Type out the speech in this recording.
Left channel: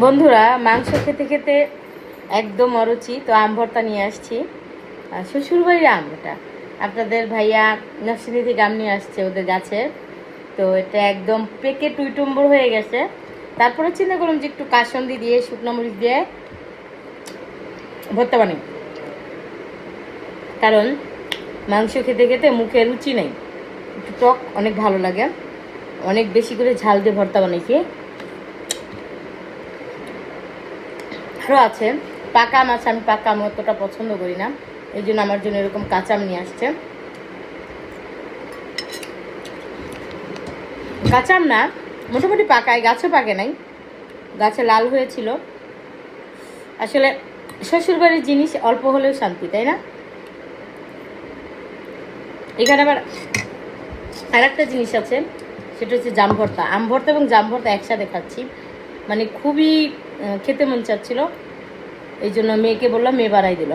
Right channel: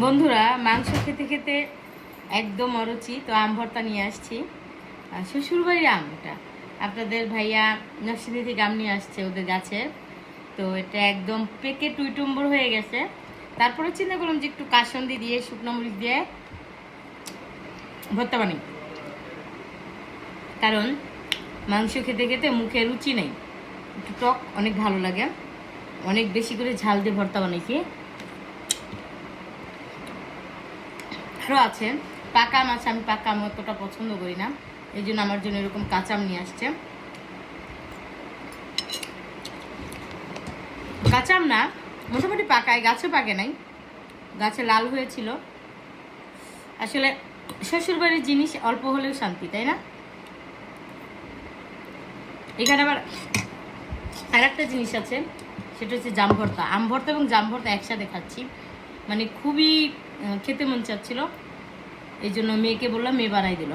বন্ধুরা, মাংস খেতে খেতে একদম অরুচি, তো আম ভর্তা নিয়ে আসছি। শ্বশুরবাড়ির আম এটা, আপনাদের ভাইয়া নরসিংদী থেকে আম নিয়ে আসছে ওদের গাছের। তো এটা একদম পেকে টুইটুম্বর হয়ে গেছে। তারপরে চিন্তা করলাম যে একটু কাসন্দি দিয়ে শুকনো মরিচ দিয়ে ভর্তা বানাই, কারণ মাংস খেতে খেতে মুখে রুচি নেই, একটু টক অনেক ভালো লাগে। অনেক বেশি করে ঝাল দিয়ে ভর্তা বানাইছি। আরও আছে পাকা আম আছে, আমি পাকা আম অতটা পছন্দ করি না, এই জন্য আমার জন্য এরকম কাঁচা আম নিয়ে আসছে। কাঁচা আম না, মোটামুটি পাকায়, গাছও পাকে নাই, গাছে লাল হয়েছিল। আসলে শ্বশুরবাড়ির জিনিস অল্প হলেও শান্তি, তাই না? এখানে আবার আর একটা জিনিস আছে, সেটা হচ্ছে জাম ভর্তা। আম ভর্তা এবং জাম ভর্তা একসাথে খাচ্ছি, মানে খুবই খেতে মন চাচ্ছিল। এই জন্য মেয়েকে বললাম, মেয়ে বানাই দিল।